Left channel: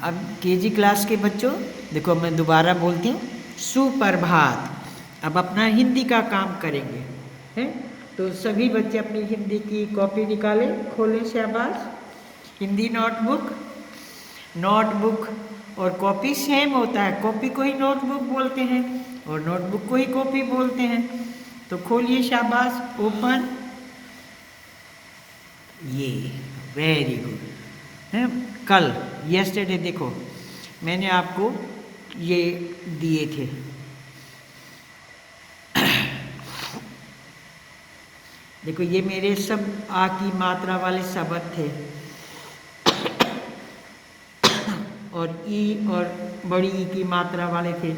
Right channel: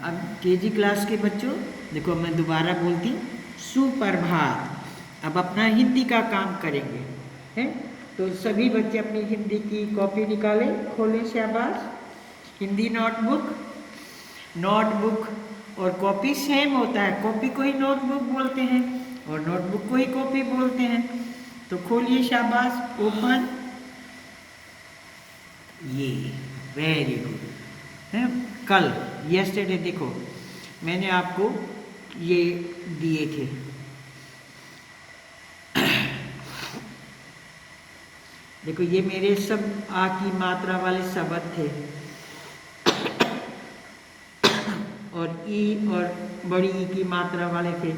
अब KG class के बच्चों देखो, मैं दोबारा बोलती हूँ, सुप्रभात। अब अपना हिंदी का काम करेंगे, हैं? तो सभी बच्चे अपनी हिंदी की कॉपी निकालें, खोलें, शाबाश। हिंदी नोटबुक, नोटबुक और कॉपी सेम होता है, कॉपी को ही नोटबुक बोलते हैं और नोटबुक को ही कॉपी बोलते हैं। तो खोलिए, शाबाश, ओपन। ये वेरी गुड है। कल यस्टरडे देखो, मैंने आपको ये दिए थे, देखो ये मेरे सब आ की मात्रा वाले शब्द थे और ई और बड़ी ई की मात्रा वाले थे।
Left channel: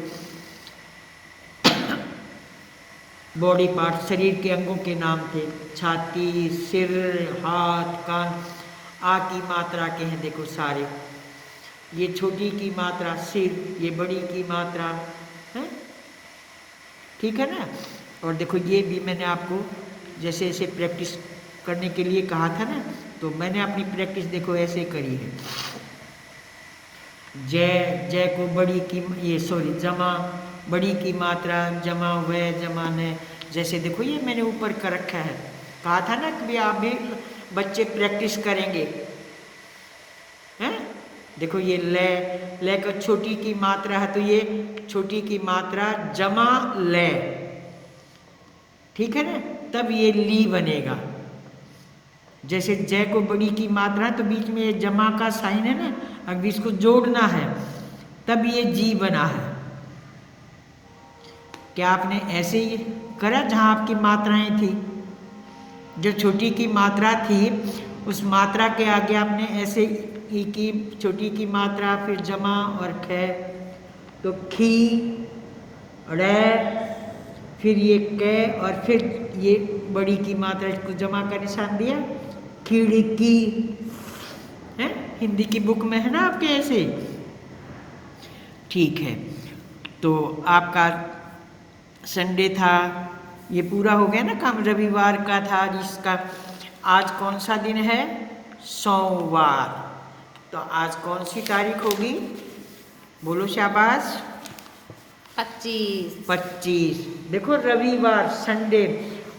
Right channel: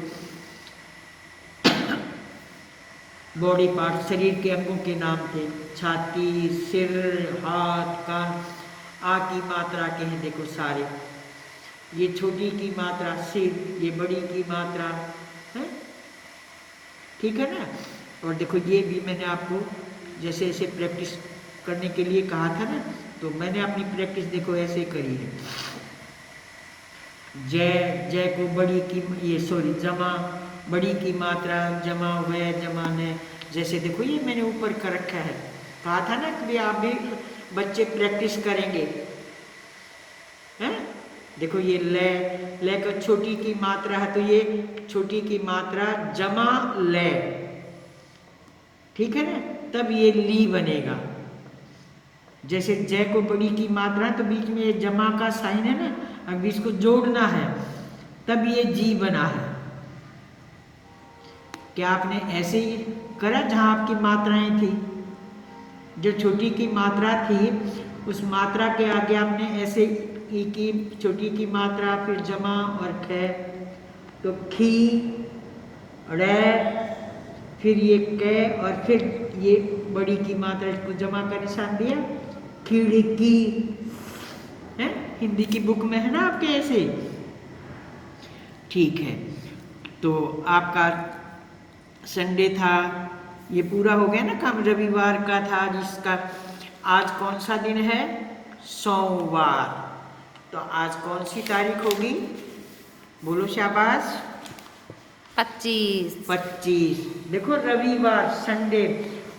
बॉडी पार्ट, शरीर के अंगों के नाम थे, छाती, सिर, हाथ, कान। आ की मात्रा के हैं देखो सारे। ये छोटी की मात्रा सिर, ये बड़ी की मात्रा है, ठीक है ना। और देखो ये भी मैंने आपको जैसे ऐसे प्रैक्टिस करने के लिए कहा था ना, तो मैंने अपनी प्रैक्टिस देखो ऐसे करी है। जय, जय को बड़ी की, ये सॉरी जमा, बड़ी की मात्रा, जमा वह, जमा में। जैसे देखो ये मैंने ऊपर कर रखा है, कहा था ना कि आप भी बच्चे प्रैक्टिस करेंगे, हैं? देखो ये ले का छोटी की मात्रा है, तो ये छोटी की मात्रा जमा ले, ठीक है ना, तब ये ली बनेगा। जैसे जय को बड़ी की मात्रा, तो बीच में ये जमा का साइन है ना, अब इसको जोड़ना है, तब ये जी बना है। क्या आपने ऐसे ही करा जहां आपकी मात्राएं थी? जो छोटी की मात्रा थी उस मात्रा के आगे आपने ऐसे ई की छोटी की मात्रा, फिर जमा और ख, तो खी, रे, फिर ये क, और फिर ये बड़ी की मात्रा, इसको जमा का निशान दिया, खिड़की है। हिंदी की बुक में है ना आपके ऐसे, ठीक है। तो आपका संडे था, ये पूरा हो गया ना काम, रविवार का था जिसका। आज कौन सा दिन है? सोमवार। तो आज कौन सी तारीख होगी? बोलो शाबाश। 25। देखो रविवार, संडे,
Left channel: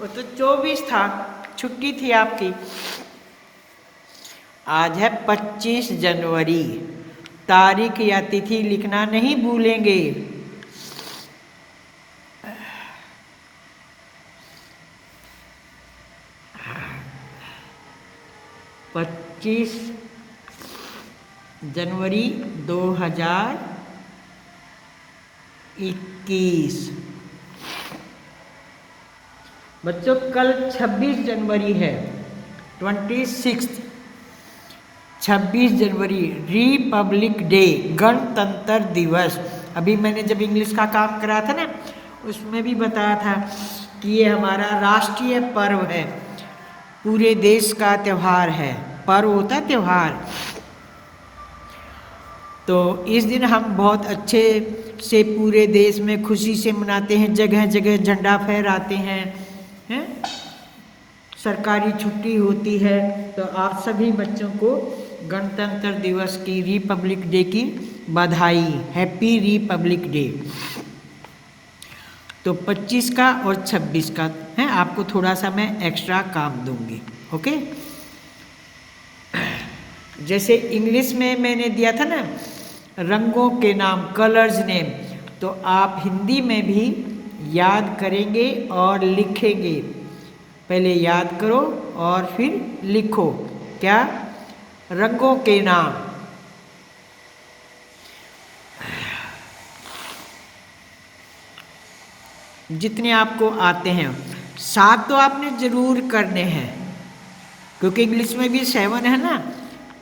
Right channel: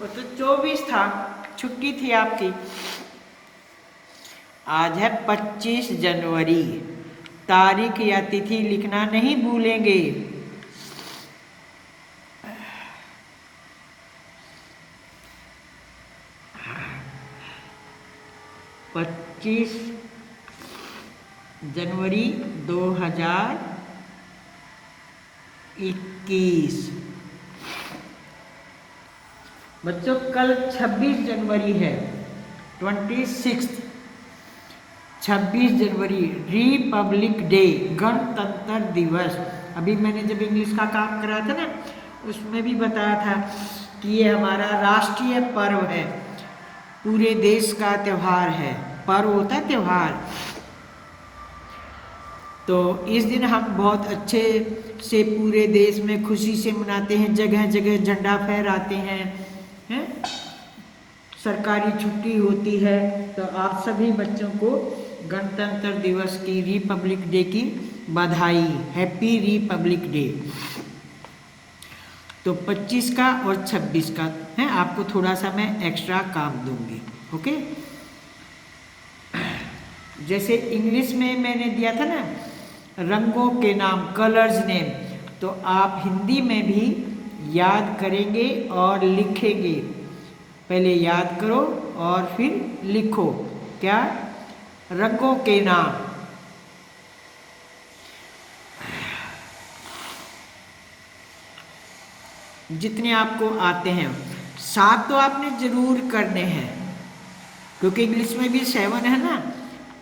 और तो 24 था, छुट्टी थी आपकी। आज है 25 जनवरी। तारीख या तिथि लिखना नहीं भूलेंगे। पच्चीस जनवरी 2021। बच्चों कल 26 जनवरी है, 26। 26 जनवरी रिपब्लिक डे, गणतंत्र दिवस। अभी मैंने जब इंग्लिश का काम करा था ना, उसमें भी बताया था कि ये हमारा राष्ट्रीय पर्व है, पूरे देश का त्यौहार है। पर्व होता है त्यौहार। तो इस दिन हम बहुत अच्छे से पूरे देश में खुशी से मनाते हैं, जगह जगह झंडा फहराते हैं, हैं? सरकारी छुट्टी होती है। तो आप सभी बच्चों को गणतंत्र दिवस की, रिपब्लिक डे की बधाई, हैप्पी रिपब्लिक डे। तो 25 का और 26 का है, आपको थोड़ा सा मैं एक्स्ट्रा काम दूंगी, ओके। जैसे इंग्लिश में मैंने दिया था ना रंगों के नाम, कलर्स नेम, तो आप हिंदी में भी याद करेंगे और लिखेंगे। पहले याद करो और फिर लिखो। क्या? रंगों के नाम। जितने आपको आते हैं, 7 तो आपने जरूर करने हैं, क्योंकि इंग्लिश में भी 7 है ना,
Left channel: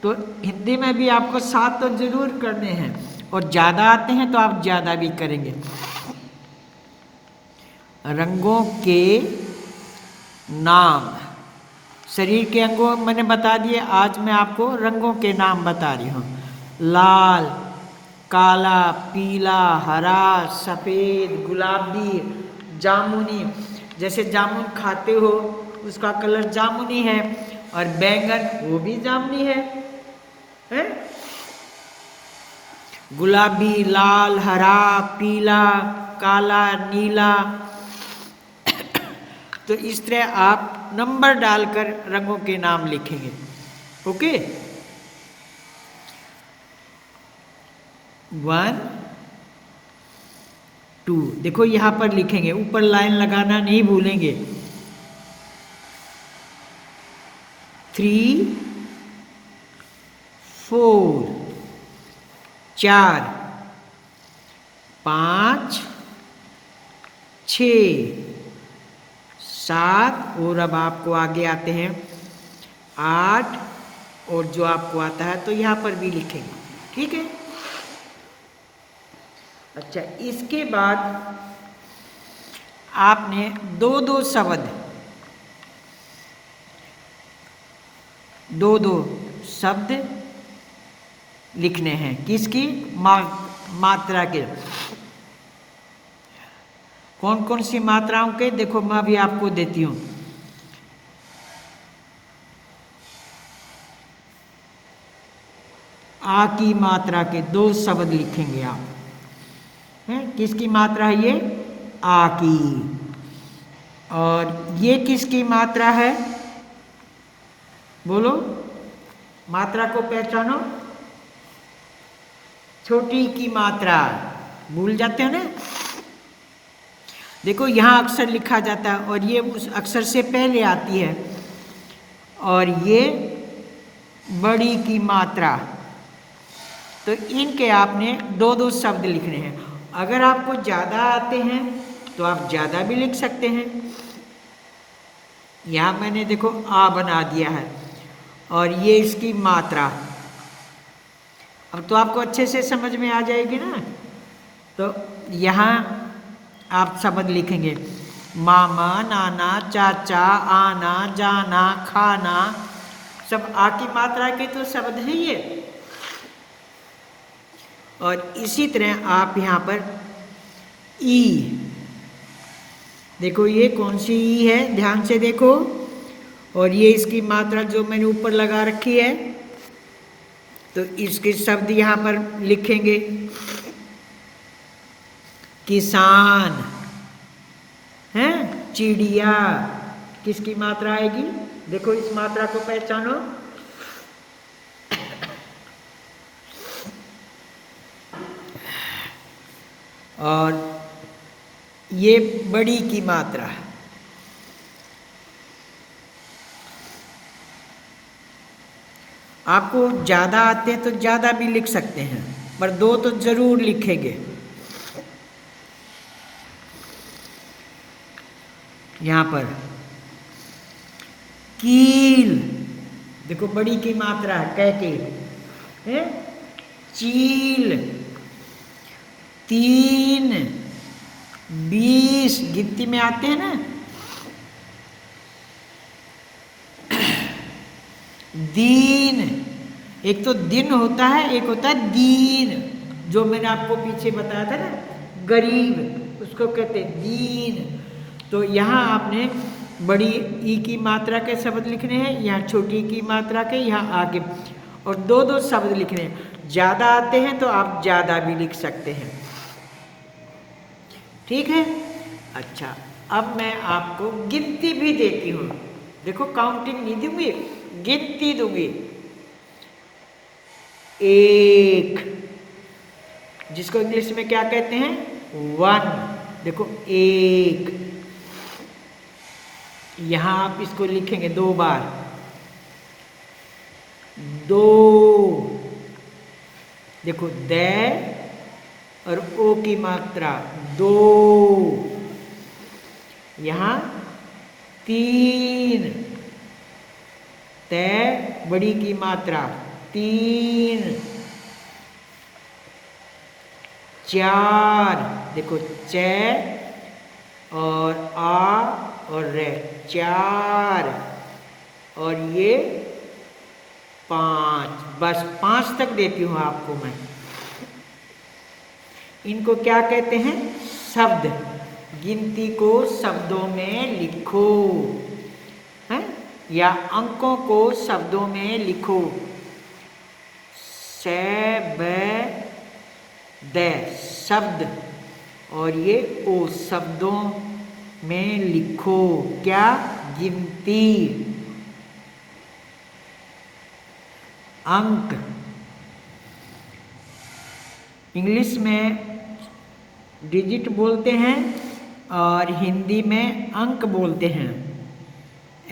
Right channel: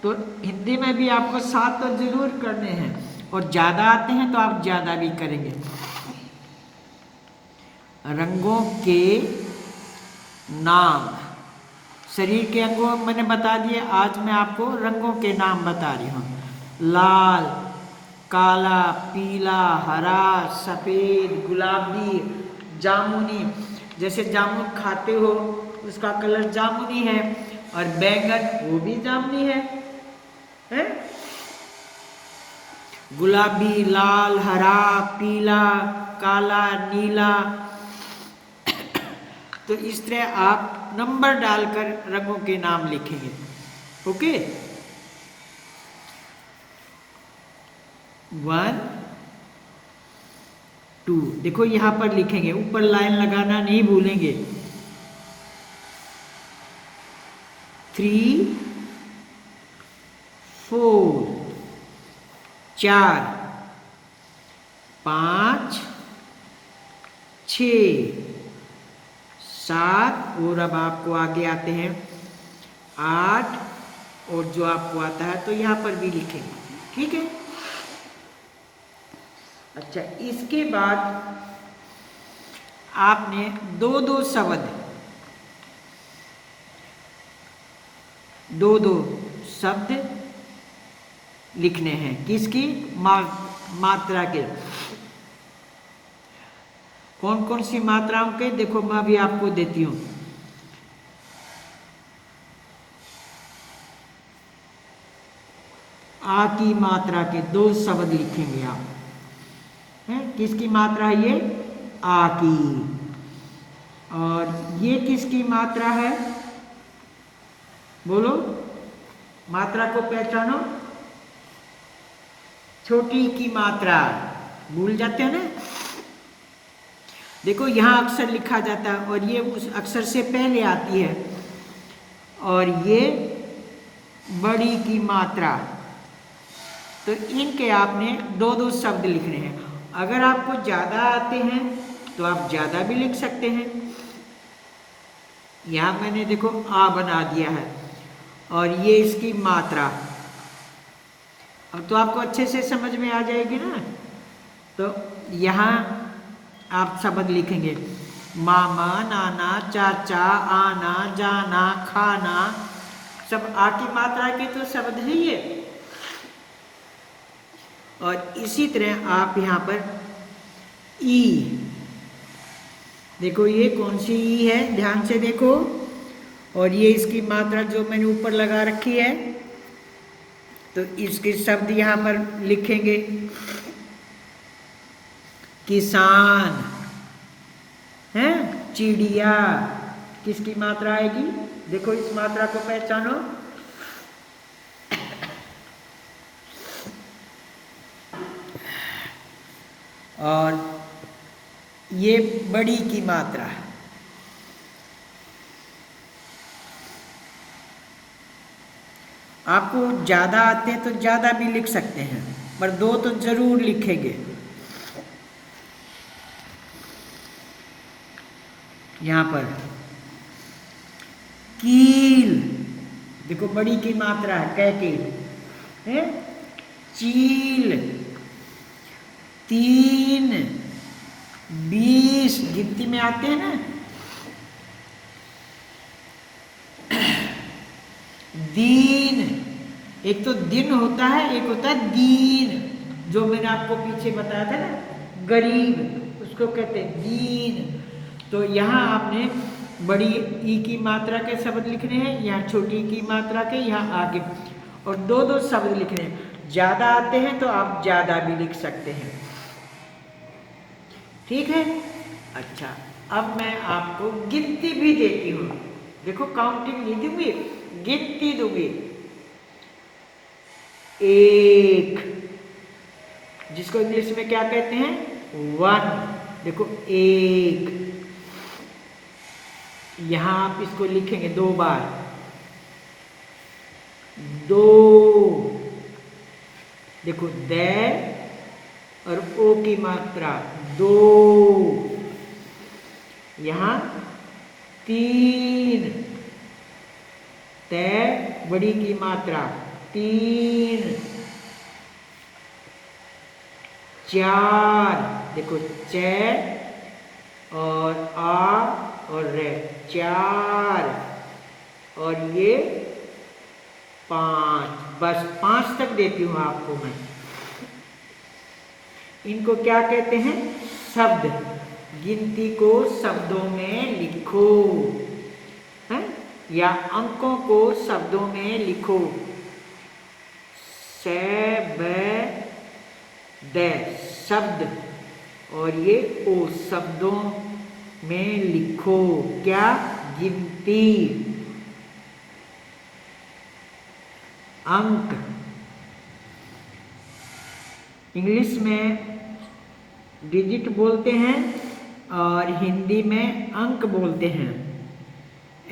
तो हिंदी में भी आपको 7 तो जरूर करने हैं, और ज़्यादा आते हैं तो आप ज़्यादा भी करेंगे। रंगों के नाम, शरीर के अंगों मैंने बता दिए, आज मैं आपको रंगों के नाम बता रही हूँ। लाल, काला, पीला, हरा, सफ़ेद, गुलाबी, जामुनी। जैसे जामुन खाते हो उसका कलर जामुनी है, और बैंगन वो भी जामुनी है? गुलाबी, लाल, हरा, पीला, काला, नीला। तो इस तरह आप नंबर डालकर रंगों के नाम लिखेंगे। ओके, 1 2। देखो यहां पर लिखेंगे, ऊपर लाइन लगाना नहीं भूलेंगे। 3 4 4 5 6 7 और अब आपको आगे आते हैं 8, और जो आपको आता है तो यहां पर भी लिखेंगे। ठीक है। अच्छा, इसके बाद आपने दो शब्द लिखने हैं। किसकी? मात्रा के। कौन कौन सी मात्राओं के? देखो मैं भी आपको देती हूं। आ की मात्रा के 2 शब्द लिखेंगे आप। है किसकी मात्रा है ये? आ की। और ये किसकी मात्रा है? बोलो, मात्रा को पहचानो। छोटी की मात्रा। भूल जाते हो ना। देखो यहां अक्षर लिखा जाता है और ये उस अक्षर से पहले आती है, और ये बड़ी की मात्रा। तो इनके आपने दो शब्द लिखने हैं। अगर आपको ज़्यादा आते हैं तो आप ज़्यादा भी लिख सकते हैं। यहाँ मैंने देखो आ बना दिया है, और ये इसकी मात्रा। अब तो आपको अच्छे से समझ में आ जाएगी ना। तो यहाँ आप शब्द लिखेंगे, मामा, नाना, चाचा, आना, जाना, खाना। सब आ की मात्रा के तो शब्द है ये। और इसी तरह आप यहाँ पर ई, देखो ये कौन सी ई है, ध्यान से देखो। और ये इसकी मात्रा जो मैंने ऊपर लगा रखी है, तो इसके शब्द यहाँ पर लिखेंगे। किसान है, चिड़िया, किसकी मात्रा आएगी? देखो इस मात्रा को पहचानो। और ये बड़ी की मात्रा है। आपको ज़्यादा आते तो ज़्यादा भी लिख सकते हैं, पर 2 तो जरूर लिखेंगे। यहाँ पर कील, देखो बड़ी की मात्रा है, कैके है। चील, 3 20 गिनती में आते हैं ना। दीन, एक तो दिन होता है, एक होता है दीन, जो मैंने आपको पीछे बताया था ना, गरीब, उसको कहते हैं दीन। तो यहाँ आपने बड़ी ई की मात्रा के शब्द लिखने हैं, यहाँ छोटी की मात्रा के, यहाँ आगे, और 2 शब्द लिखने हैं। ज़्यादा आते हैं तो आप ज़्यादा भी लिख सकते हैं। ठीक है। अच्छा, अब मैं आपको गिनती भी देती हूँ। देखो काउंटिंग नहीं दूंगी, गिनती दूंगी। 1, जिसको इंग्लिश में क्या कहते हैं? 1। देखो 1, यहां आप इसको लिखेंगे 2 बार। 2, देखो द और ओ की मात्रा 2। यहां 3, त बड़ी की मात्रा 3। 4, देखो च और आ और रे, 4। और ये 5। बस 5 तक देती हूं आपको मैं। इनको क्या कहते हैं? शब्द। गिनती को शब्दों में लिखो, है? या अंकों को शब्दों में लिखो। 7 द शब्द, और ये ओ शब्दों में लिखो क्या? गिनती, अंक। इंग्लिश में डिजिट बोलते हैं और हिंदी में अंक बोलते हैं।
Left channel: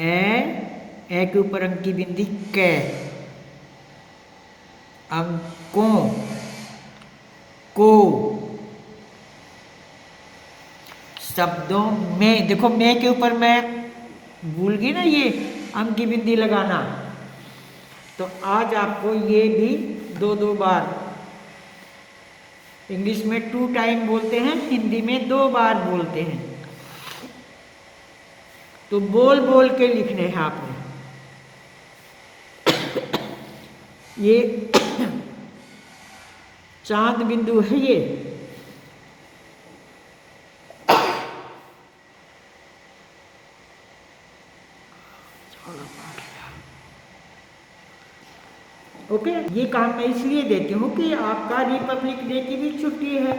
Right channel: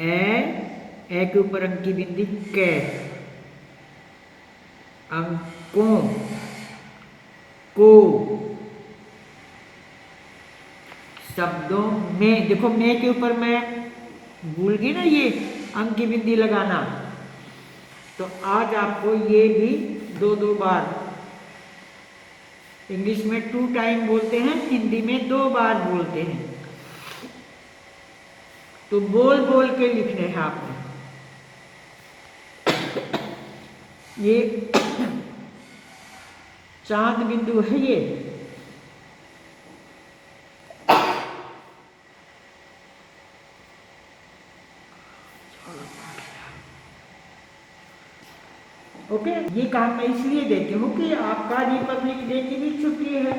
ए के ऊपर अंक की बिंदी कै, अंकों को, शब्दों में। देखो मैं के ऊपर मैं भूल गई ना ये अंक की बिंदी लगाना, तो आज आपको ये भी दो दो बार, इंग्लिश में 2 टाइम बोलते हैं, हिंदी में 2 बार बोलते हैं, तो बोल बोल के लिखने हैं आपने। ये चांद बिंदु है ये, ओके। ये काम मैं इसलिए देती हूँ कि आपका रिपब्लिक डे की भी छुट्टी है,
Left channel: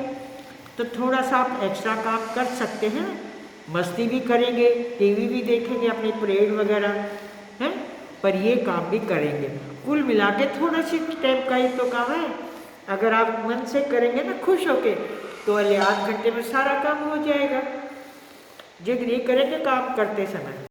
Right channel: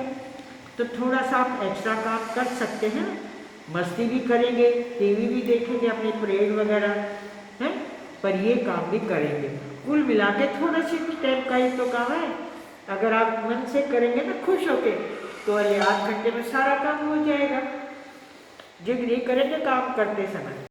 तो थोड़ा सा आप एक्स्ट्रा काम कर सकते हैं, मस्ती भी करेंगे, टीवी भी देखेंगे, अपनी परेड वगैरह है, पर ये काम भी करेंगे। कुल मिला के थोड़ा सी टाइम का ही तो काम है। अगर आप मन से करेंगे ना खुश होके, तो अगले आध घंटे में सारा काम हो जाएगा, जो नहीं करेंगे काम करते समय।